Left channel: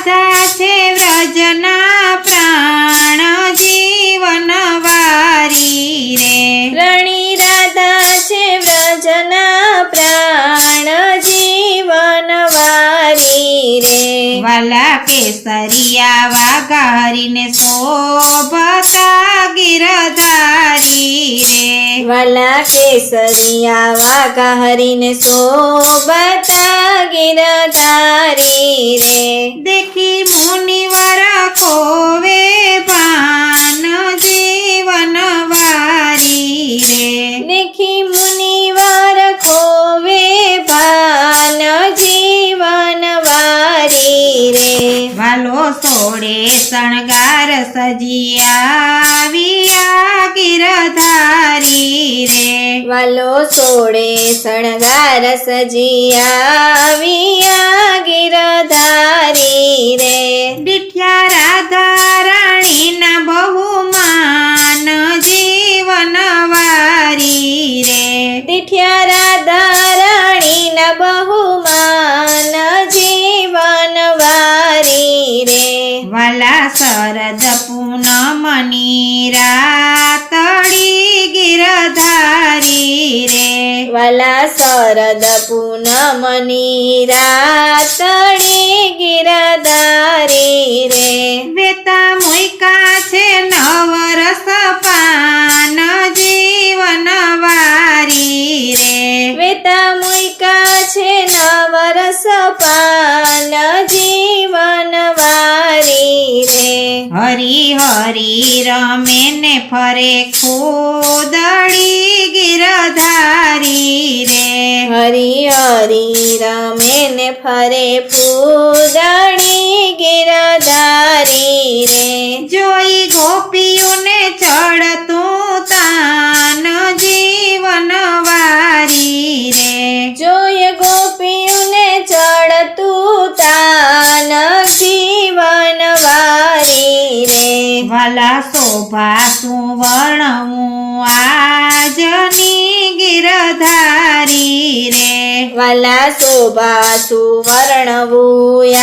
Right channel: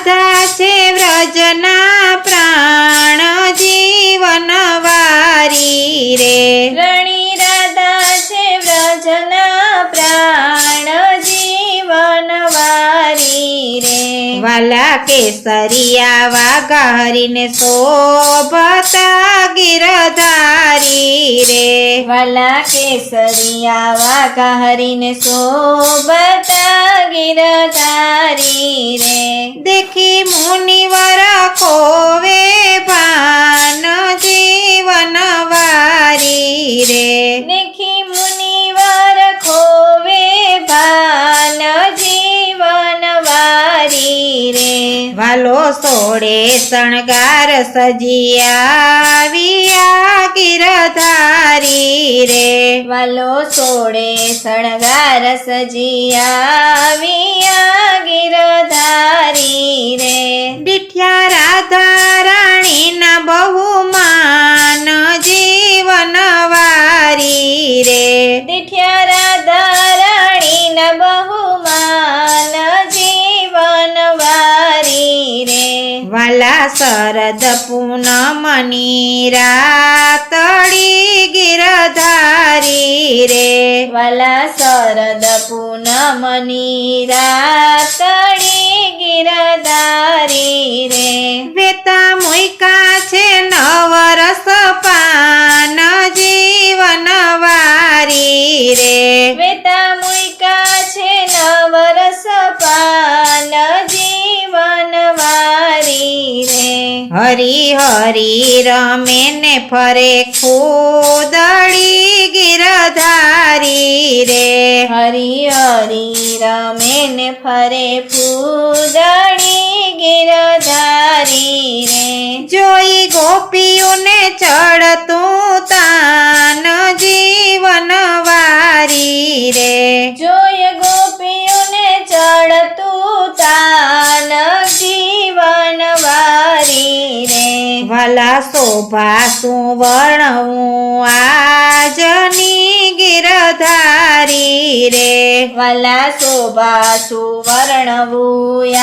રાધા છે વ્રજના પ્રાણ જીવન વારી રે રાણી રાધા છે વ્રજના પ્રાણ જીવન વારી રે વાલા કેસરિયા વાઘા હરીને શોભતા ગિરધારી રે વાલા કેસરિયા વાઘા હરીને શોભતા ગિરધારી રે દેખી મુનિવર કોવે ભાન જીવન વારી રે દેખી મુનિવર ખોવે ભાન જીવન વારી રે વાલો સોડે શણગાર સજિયાવિયા ગિરધારી રે વાલો સોળે શણગાર સજિયાવિયા ગિરધારી રે દીઠ્યા રાધા રાણીના બહુમાન જીવન વારી રે દીઠ્યા રાધા રાણીના બહુમાન જીવન વારી રે વાલા શરદ પૂનમની રાતડી ગિરધારી રે વાલા શરદ પૂનમની રાતડી ગિરધારી રે વેતા મુયકા છે નવરસ પાન જીવન વારી રે વેતા મુયકા છે નવરસ પાન જીવન વારી રે હરી હરી રમે ને ફરે ખોદડી ગિરધારી રે હરી હરી રમે ને ફરે ફૂદડી ગિરધારી રે જોઈ ગોપીઓને ચડતું તાન જીવન વારી રે જોય ગોપીઓને ચડતું તાન જીવન વારી રે વાલા શોભા સુવર્ણવું આજની ગિરધારી રે વાલા શોભા સુવર્ણવું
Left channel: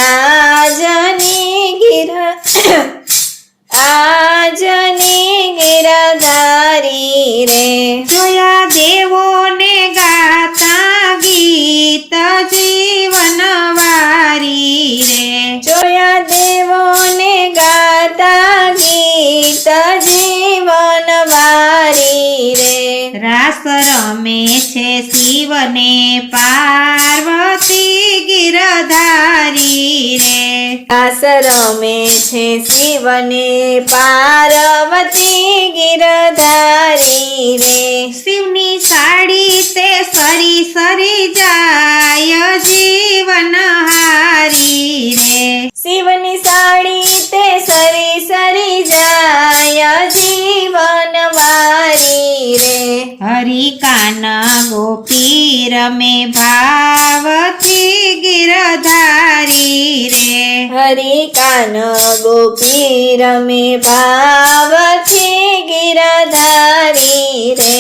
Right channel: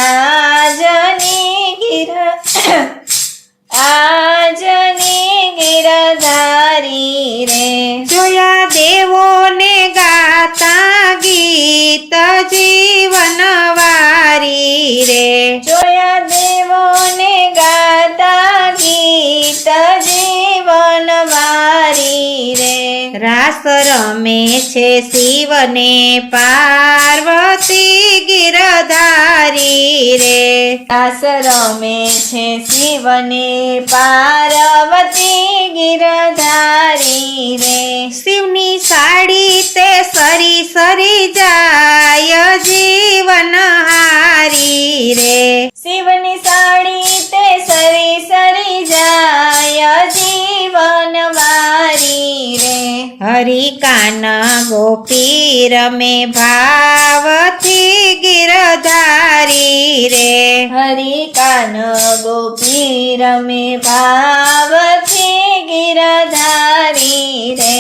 આજની ગિરધારી રે જોયા દેવોને ગાતા ગીત જીવન વારી રે જોયા દેવોને ગાતા ગીત જીવન વારી રે રાસ રમે છે શિવને પાર્વતી ગિરધારી રે રાસ રમે છે શિવને પાર્વતી ગિરધારી રે શિવની સાડી તે સરી સરી જાય જીવન હારી રે શિવની સાડી તે સરી સરી જાય જીવન વારી રે હરી કાન ગોપી રમે ભાવથી ગિરધારી રે હરી કાન ગોપી રમે ભાવથી ગિરધારી રે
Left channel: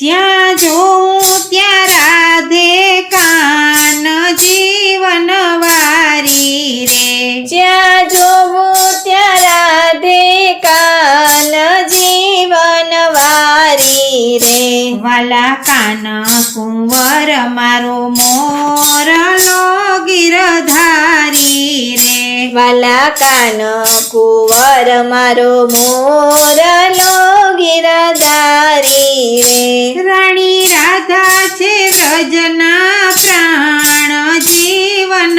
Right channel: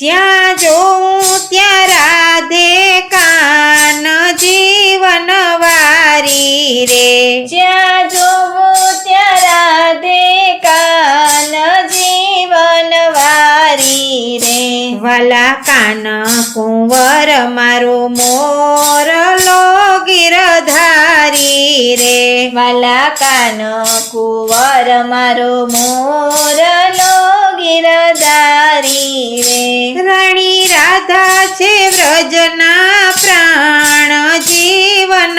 જ્યાં જોઉં ત્યાં રાધે કાન જીવન વારી રે જ્યાં જોવું ત્યાં રાધે કાન જીવન વારી રે વાલા કાન કુંવર મારો મોરલો ગિરધારી રે વાલા કાન કુંવર મારો મોરલો ગિરધારી રે રાણી રાધા છે વ્રજના પ્રાણ જીવન